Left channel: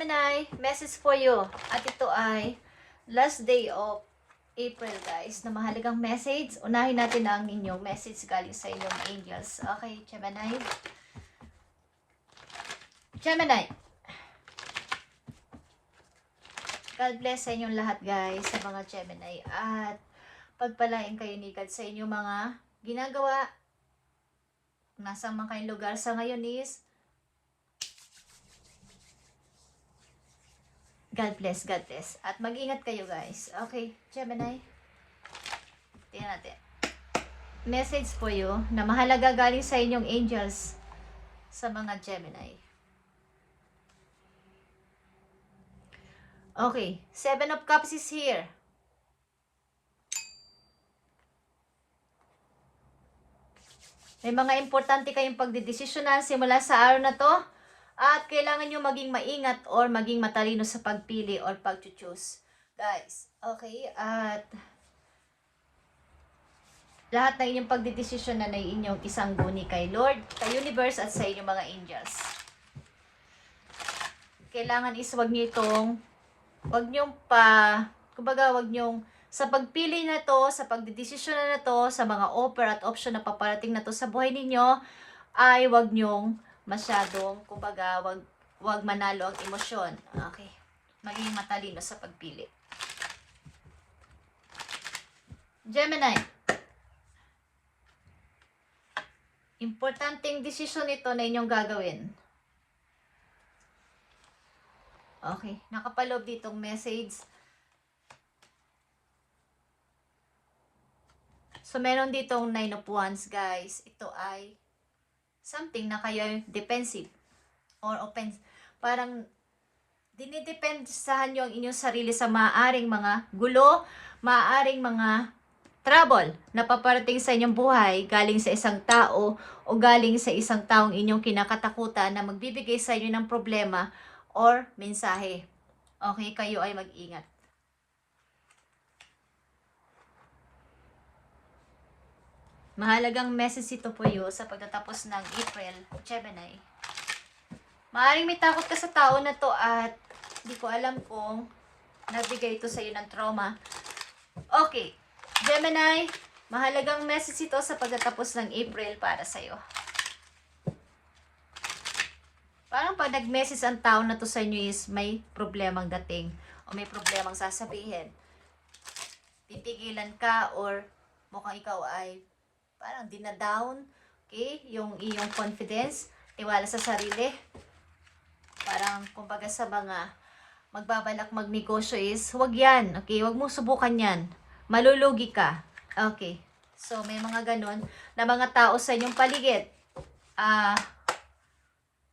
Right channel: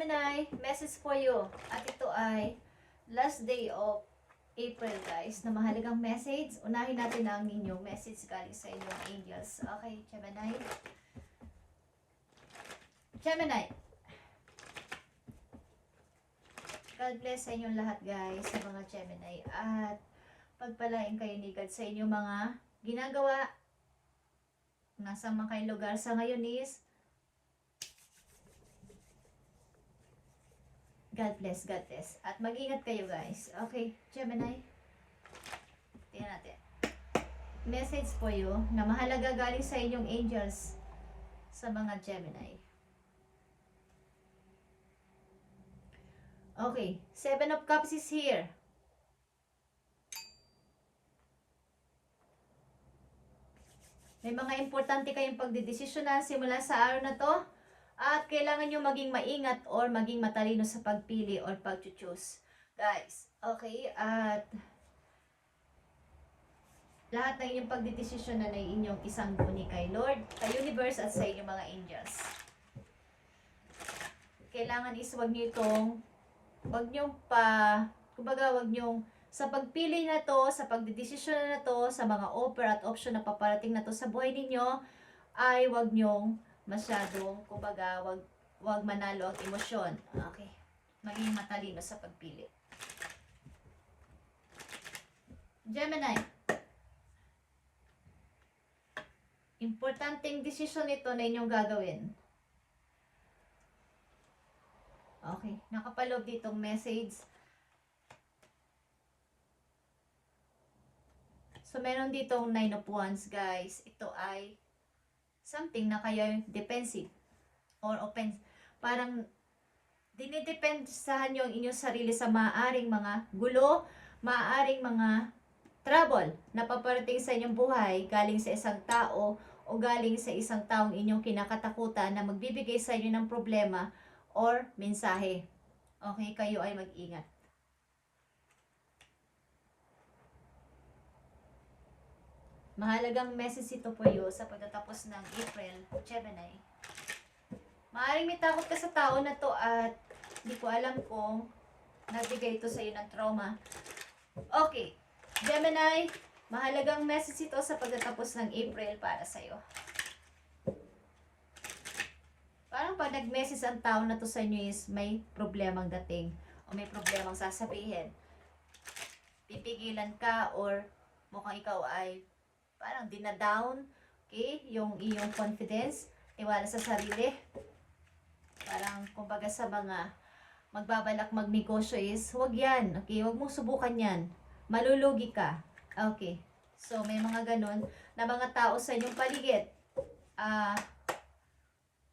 Gemini, message for you. At ito ay last day of April, guys, na mahalagang message. Unahin natin ang inyong message galing sa inyong angels. Okay, Gemini. Gemini. God bless sa inyong lahat, guys, sa mga Gemini. At pagpalain kayo ni God sa inyong mga ginagawa. Nasa mga kayong lugar sa ngayon is God bless, God bless. At mag-ingat kayo, guys. Okay, Gemini. Tingnan natin. Message po you na mahalaga galing sa inyong angels sa mga Gemini. Okay, 7 of Cups is here. May mga importante kayong pagdidesisyonan simula sa araw na to. At kailangan nyo maging maingat or maging matalino sa pagpili or pag-choose. Guys, okay? At lahat na inyong pagdidesisyonan ay inyong isang guni kay Lord, kay Universe at sa inyong mga angels. Kailangan is wag nyo sa pagpili na to, sa pagdidesisyon na to, sa mga offer at option na paparating na to sa buhay ninyo, ay wag nyong masyadong, wag manalo ang emosyon. Okay. Maging matalino sa pagpili. Gemini. Importanteng desisyon ito na inyong gagawin. Okay. Nakapaloob ditong message. So, meron ditong 9 of Wands, guys. Ito ay something na kayo defensive or offensive. Parang dinidepensahan nyo ang inyong sarili sa maaaring mga gulo, maaaring mga trouble na paparating sa inyong buhay galing sa isang tao o galing sa isang taong inyong kinakatakutan na magbibigay sa inyo ng problema or mensahe. Okay, kayo ay mag-ingat. Mahalagang message ito po yun sa pagtatapos ng April, Gemini. Maaaring may takot ka sa tao na to at hindi ko alam kung nabigay ito sa iyo ng trauma. Okay, Gemini, mahalagang message ito sa pagtatapos ng April para sa iyo. Parang pag nag-message ang tao na to sa inyo is may problemang dating o may problemang sasabihin. Pipigilan ka or mukhang ikaw ay parang dinadown, okay? Yung iyong confidence, tiwala sa sarili. Parang, kumbaga sa mga magbabalak magnegosyo is, huwag yan, okay? Huwag mong subukan yan. Malulugi ka. Okay. So, may mga ganon na mga tao sa inyong paligid.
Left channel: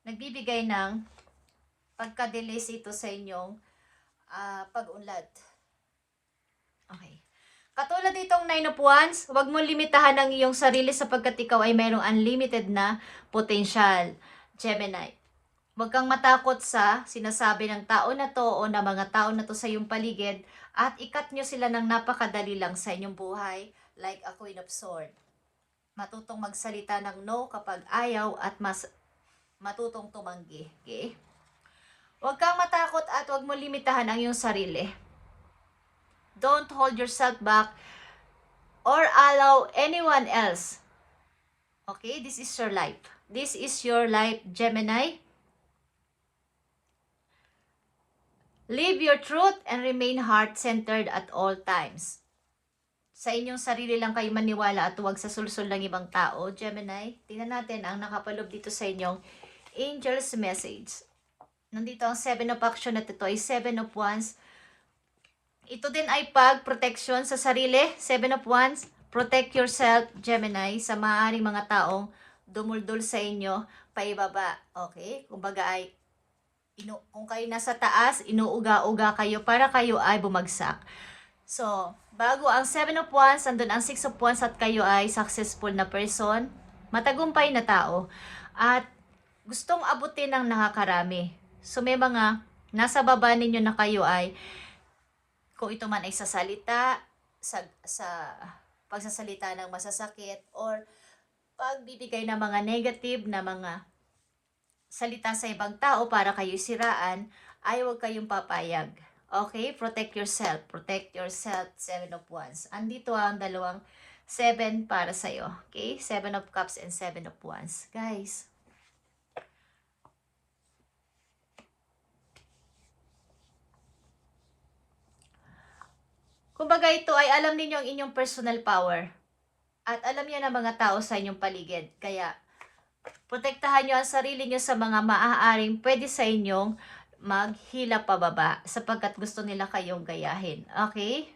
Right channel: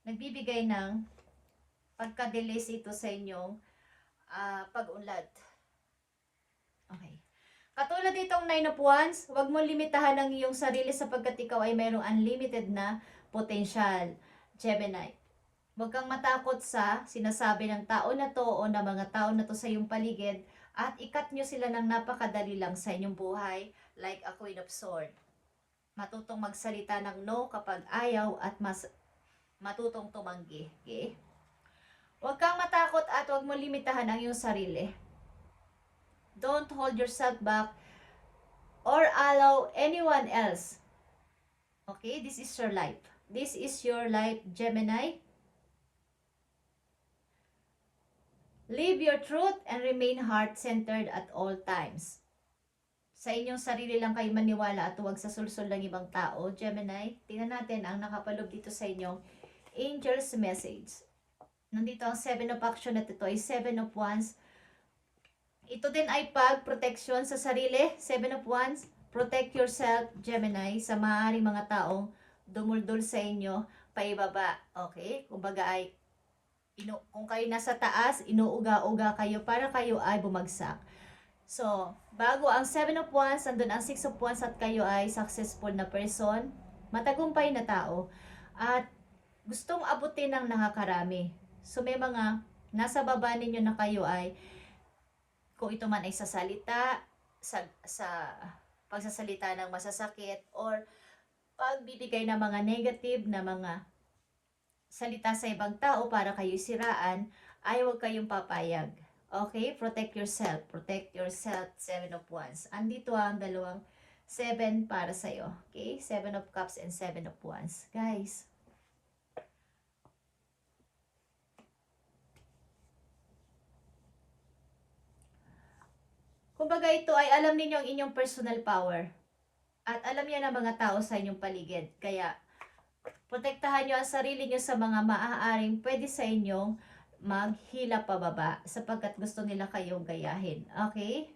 Nagbibigay ng pagka-delays ito sa inyong pag-unlad. Okay. Katulad ditong 9 of Wands, huwag mo limitahan ang iyong sarili sapagkat ikaw ay mayroong unlimited na potential. Gemini. Huwag kang matakot sa sinasabi ng tao na to o ng mga tao na to sa iyong paligid at ikat nyo sila ng napakadali lang sa inyong buhay like a Queen of Swords. Matutong magsalita ng no kapag ayaw at matutong tumanggi. Okay? Huwag kang matakot at huwag mo limitahan ang iyong sarili. Don't hold yourself back or allow anyone else. Okay, this is your life. This is your life, Gemini. Live your truth and remain heart-centered at all times. Sa inyong sarili lang kayo maniwala at huwag sa sulsul ng ibang tao, Gemini. Tingnan natin ang nakapaloob dito sa inyong angel's message. Nandito ang 7 of action at ito ay 7 of wands. Ito din ay pag-protection sa sarili. 7 of Wands. Protect yourself, Gemini, sa maaaring mga taong dumuldul sa inyo, paibaba. Okay? Kumbaga ay, kung kayo nasa taas, inuuga-uga kayo para kayo ay bumagsak. So, bago ang 7 of Wands, andun ang 6 of Wands at kayo ay successful na person, matagumpay na tao, at gustong abutin ng nakakarami. So, may mga nasa baba ninyo na kayo ay kung ito man ay sa salita, sa pagsasalita ng masasakit, or pagbibigay ng mga negative na mga salita sa ibang tao para kayo siraan, ay huwag kayong papayag. Okay? Protect yourself. Protect yourself. 7 of Wands. Andito ang dalawang 7 para sa'yo. Okay? 7 of Cups and 7 of Wands. Guys, kumbaga ito ay alam ninyo ang inyong personal power. At alam niya ng mga tao sa inyong paligid. Kaya, protektahan nyo ang sarili nyo sa mga maaaring pwede sa inyong maghila pababa sapagkat gusto nila kayong gayahin. Okay?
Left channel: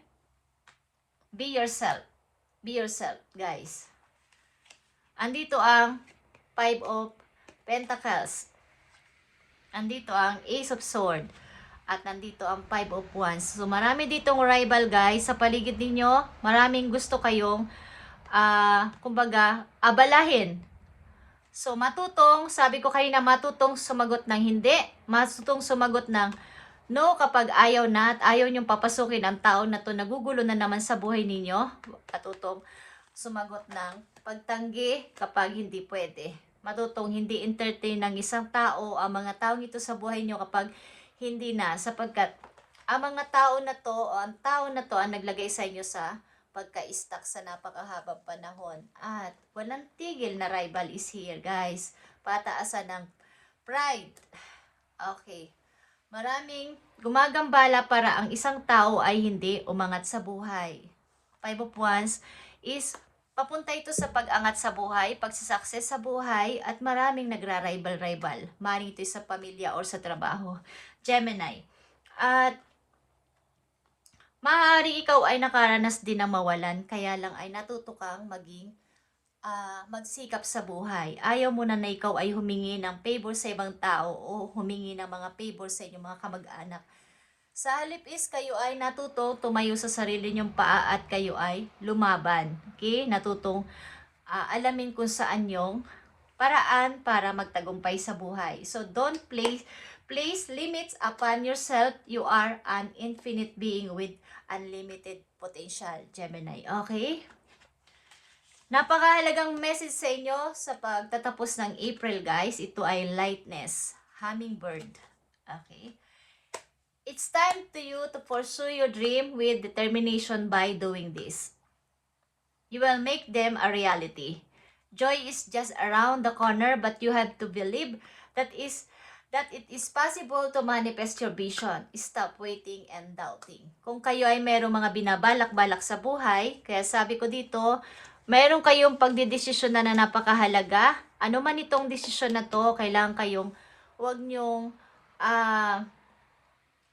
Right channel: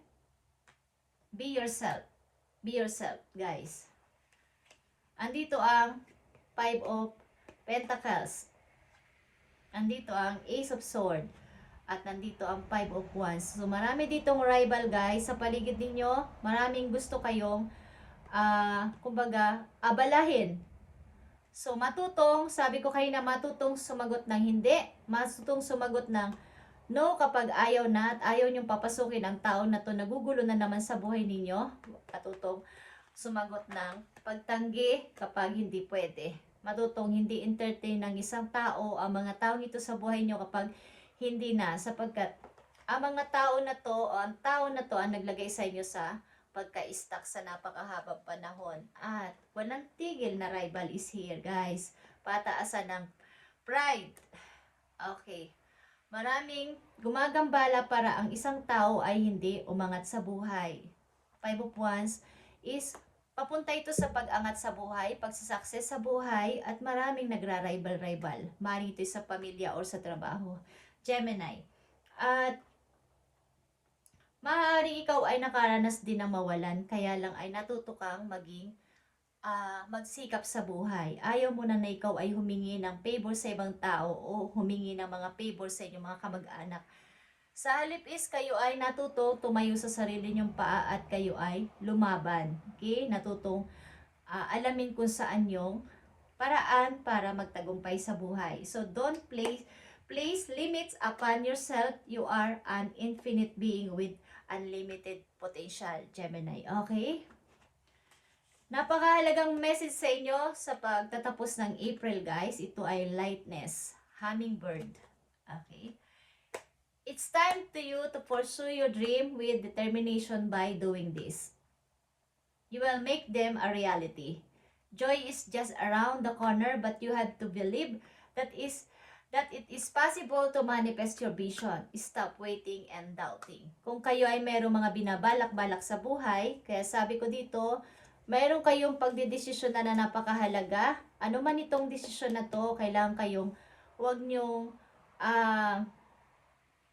Be yourself. Be yourself, guys. Andito ang 5 of Pentacles. Andito ang Ace of Swords. At nandito ang 5 of Wands. So, marami ditong rival, guys. Sa paligid ninyo, maraming gusto kayong, kumbaga, abalahin. So, matutong, sabi ko kayo na matutong sumagot ng hindi. Matutong sumagot ng no kapag ayaw na at ayaw niyong papasukin ang tao na to, nagugulo na naman sa buhay ninyo. Matutong sumagot ng pagtanggi kapag hindi pwede. Matutong hindi entertain ng isang tao ang mga taong ito sa buhay niyo kapag hindi na, sapagkat ang mga tao na to o ang tao na to ang naglagay sa inyo sa pagka-stuck sa napakahabang panahon. At walang tigil na rival is here, guys. Pataasan ng pride. Okay. Maraming gumagambala para ang isang tao ay hindi umangat sa buhay. 5 of Wands is papunta ito sa pag-angat sa buhay, pagsasucess sa buhay, at maraming nagra-rival-rival. Maring ito sa pamilya or sa trabaho. Gemini. At maaaring ikaw ay nakaranas din ng mawalan, kaya lang ay natuto kang maging magsikap sa buhay. Ayaw mo na ikaw ay humingi ng favor sa ibang tao o humingi ng mga favor sa inyong mga kamag-anak. Sa halip is kayo ay natuto tumayo sa sarili niyong paa at kayo ay lumaban. Okay? Natutong alamin kung saan yung paraan para magtagumpay sa buhay. So don't place limits upon yourself. You are an infinite being with unlimited potential, Gemini. Okay? Napakahalagang message sa inyo sa pagtatapos ng April, guys. Ito ay lightness. Hummingbird. Okay? It's time to you to pursue your dream with determination by doing this. You will make them a reality. Joy is just around the corner, but you have to believe that it is possible to manifest your vision. Stop waiting and doubting. Kung kayo ay mayroong mga binabalak-balak sa buhay, kaya sabi ko dito, mayroon kayong pagdidesisyon na napakahalaga. Ano man itong desisyon na to, kailangan kayong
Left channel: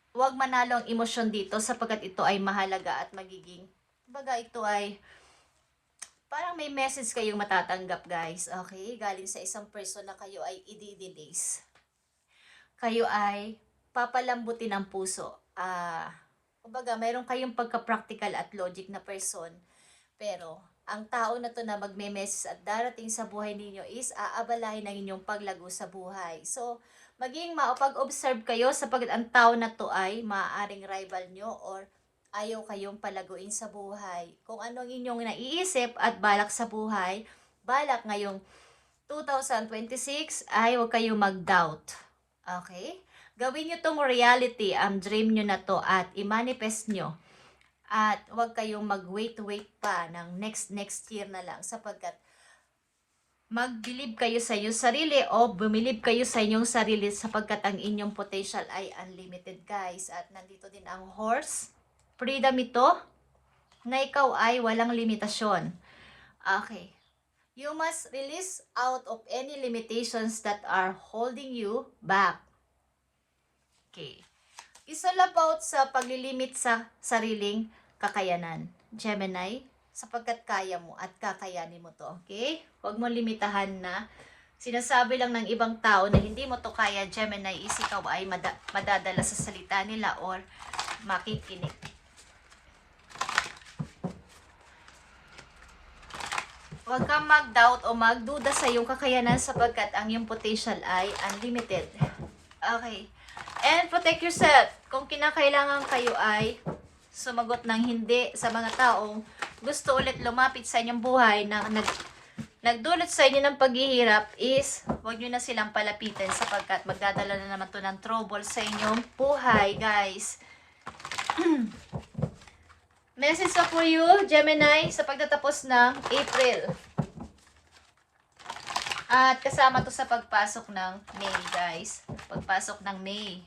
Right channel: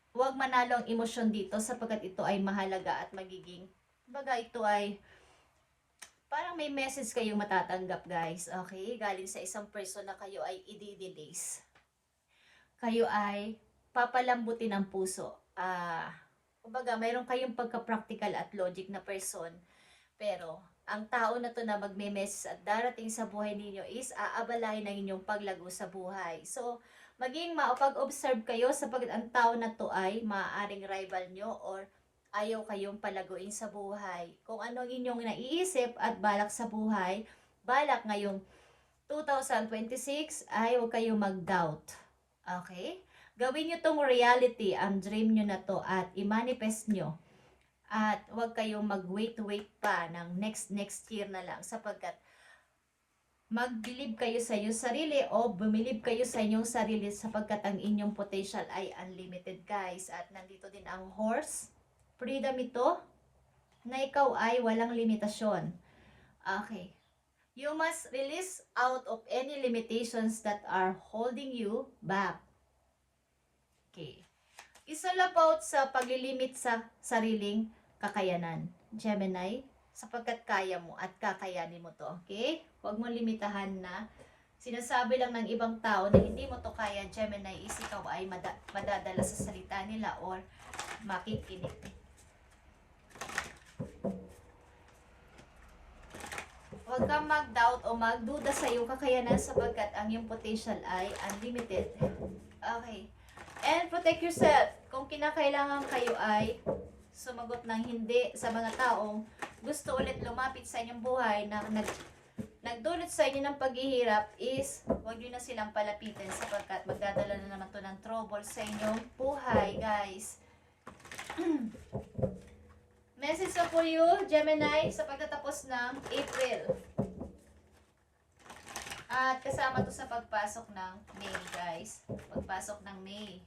huwag manalo ang emosyon dito sapagkat ito ay mahalaga at magiging, baga ito ay parang may message kayong matatanggap, guys. Okay? Galing sa isang person na kayo ay i-delays. Kayo ay papalambutin ang puso. Kumbaga, mayroon kayong pagka-practical at logic na person. Pero, ang tao na to na magme-message at darating sa buhay ninyo is aabalahin ng inyong paglago sa buhay. So, maging maupag-observe kayo sapagkat ang tao na to ay maaaring rival nyo or ayaw kayong palaguin sa buhay. Kung ano ang inyong naiisip at balak sa buhay, balak ngayong 2026 ay huwag kayong mag-doubt. Okay? Gawin nyo tong reality, ang dream nyo na to at i-manifest nyo. At huwag kayong mag-wait pa ng next year na lang sapagkat mag-believe kayo sa inyong sarili o bumilib kayo sa inyong sarili sapagkat ang inyong potential ay unlimited, guys. At nandito din ang horse. Freedom ito na ikaw ay walang limitasyon. Okay. You must release out of any limitations that are holding you back. Okay. It's all about sa paglilimit sa sariling kakayanan, Gemini, sapagkat kaya mo at kakayanin mo to, okay? Huwag mo limitahan na sinasabi lang ng ibang tao na hindi mo to kaya, Gemini, is ikaw ay madadala sa salita nila or makikinig. Huwag kang mag-doubt o magduda sa iyong kakayanan sapagkat ang iyong potential ay unlimited. Okay. And protect yourself. Kung kinakailangan kayo ay sumagot ng hindi sa mga taong gusto ulit lumapit sa inyong buhay na nagdulot sa inyo ng paghihirap is huwag nyo na silang palapitin sapagkat magdadala na naman to ng trouble sa inyong buhay, guys. Message up for you, Gemini, sa pagtatapos ng April. At kasama to sa pagpasok ng May, guys. Pagpasok ng May.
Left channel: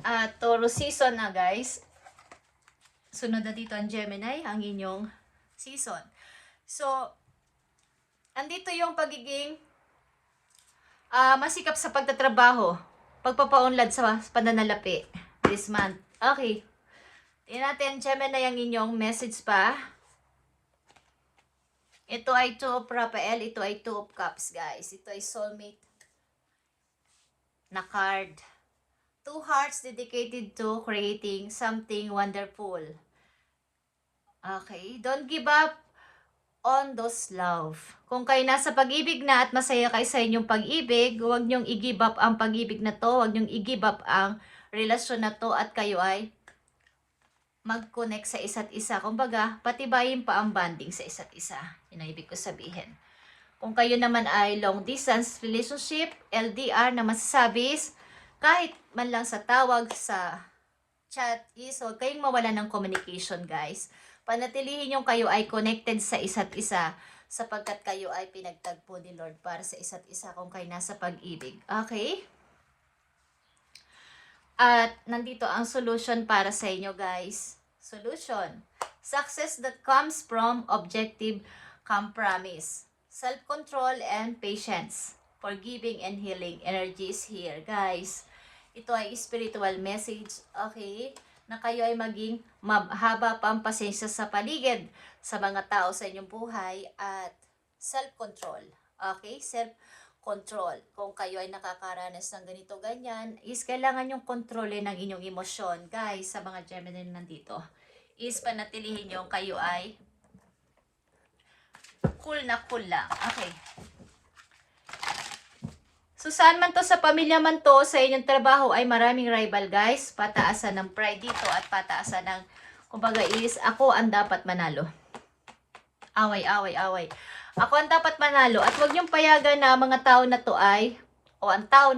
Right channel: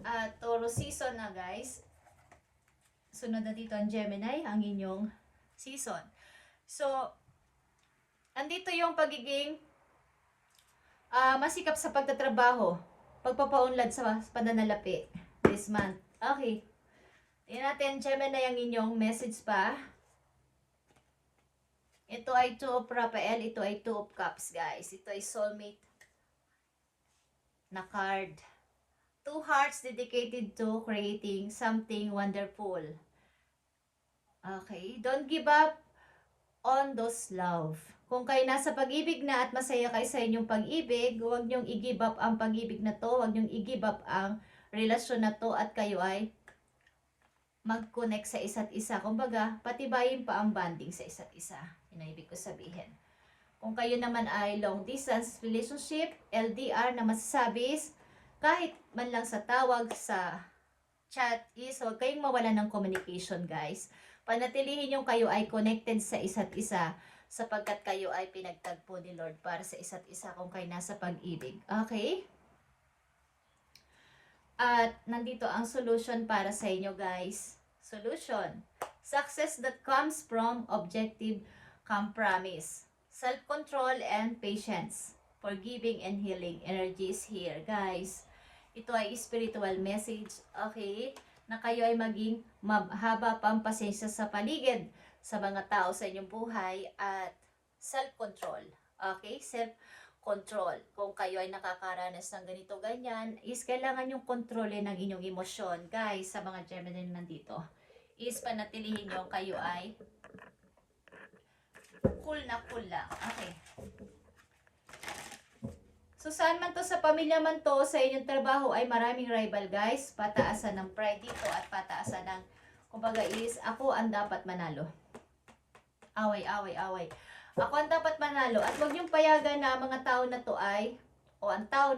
At Taurus season na, guys. Sunod na dito ang Gemini, ang inyong season. So, andito yung pagiging masikap sa pagtatrabaho, pagpapaunlad sa pananalapi this month. Okay. Tingnan natin, Gemini, ang inyong message pa. Ito ay 2 of Raphael, ito ay 2 of Cups, guys. Ito ay soulmate na card. 2 hearts dedicated to creating something wonderful. Okay, don't give up on those love. Kung kayo nasa pag-ibig na at masaya kayo sa inyong pag-ibig, huwag niyong i-give up ang pag-ibig na to, huwag niyong i-give up ang relasyon na to at kayo ay mag-connect sa isa't isa. Kumbaga, patibayin pa ang bonding sa isa't isa. Yun ang ibig ko sabihin. Kung kayo naman ay long distance relationship, LDR na masasabi is, kahit man lang sa tawag, sa chat is, huwag kayong mawala ng communication, guys. Panatilihin yung kayo ay connected sa isa't isa sapagkat kayo ay pinagtagpo ni Lord para sa isa't isa kung kayo nasa pag-ibig. Okay? At nandito ang solution para sa inyo, guys. Solution. Success that comes from objective compromise. Self-control and patience. Forgiving and healing energy is here, guys. Ito ay spiritual message, okay? Na kayo ay maging mahaba pa ang pasensya sa paligid sa mga tao sa inyong buhay at self-control. Okay? Self-control. Kung kayo ay nakakaranas ng ganito ganyan, is kailangan yung kontrolin ng inyong emosyon. Guys, sa mga Gemini nandito, is panatilihin nyo kayo ay cool na cool lang. Okay. So, saan man to, sa pamilya man to, sa inyong trabaho ay maraming rival, guys. Pataasan ng pride dito at pataasan ng, kumbaga is, ako ang dapat manalo. Away. Ako ang dapat manalo. At huwag niyong payagan na mga tao na to ay, mga tao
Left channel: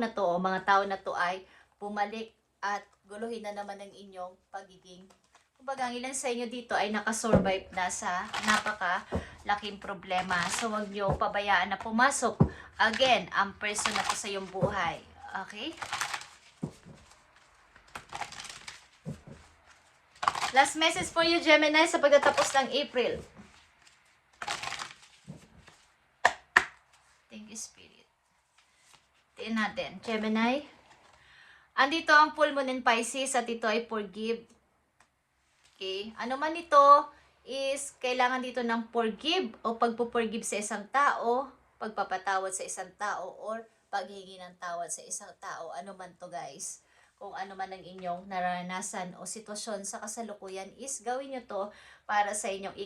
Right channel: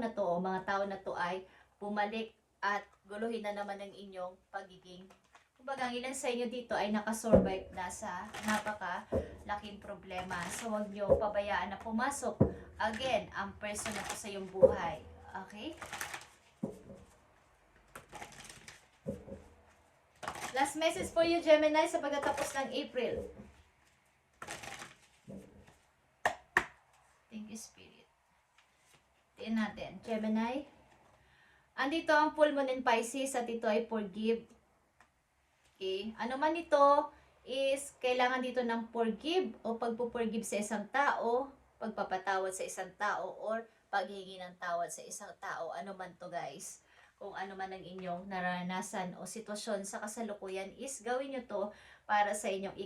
na to ay bumalik at guluhin na naman ang inyong pagiging. Kumbaga, ang ilan sa inyo dito ay nakasurvive na sa napakalaking problema. So, huwag niyo pabayaan na pumasok again ang person na to sa iyong buhay. Okay? Last message for you, Gemini, sa pagtatapos ng April. Thank you, Spirit. Tingnan natin, Gemini. Andito ang full moon in Pisces at ito ay forgive. Okay? Ano man ito is kailangan dito ng forgive o pagpo-forgive sa isang tao, pagpapatawad sa isang tao, or paghingi ng tawad sa isang tao. Ano man to, guys. Kung ano man ang inyong naranasan o sitwasyon sa kasalukuyan is gawin nyo to para sa inyong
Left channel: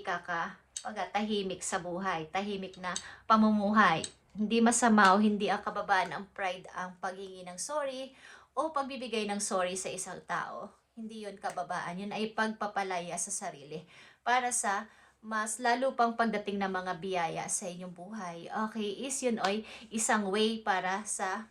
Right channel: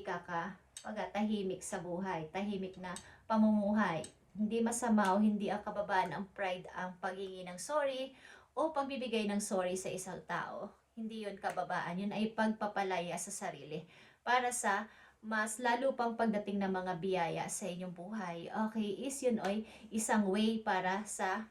tahimik sa buhay. Tahimik na pamumuhay. Hindi masama o hindi ang kababaan ang pride ang paghingi ng sorry o pagbibigay ng sorry sa isang tao. Hindi yun kababaan. Yun ay pagpapalaya sa sarili para sa mas lalo pang pagdating ng mga biyaya sa inyong buhay. Okay, is yun ay isang way para sa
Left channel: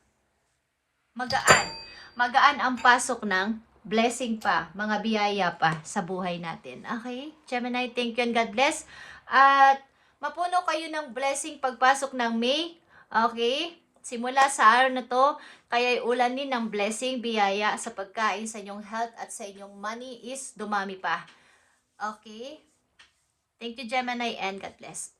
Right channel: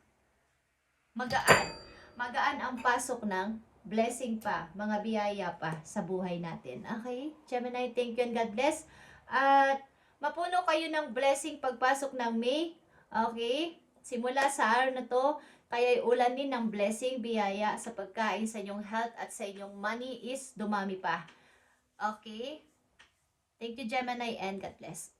magaan ang pasok ng blessing pa, mga biyaya pa sa buhay natin. Okay, Gemini, thank you and God bless. At mapuno kayo ng blessing pagpasok ng May. Okay, simula sa araw na to, kaya ulanin ng blessing, biyaya sa pagkain, sa inyong health at sa inyong money is dumami pa. Okay? Thank you, Gemini, and God bless.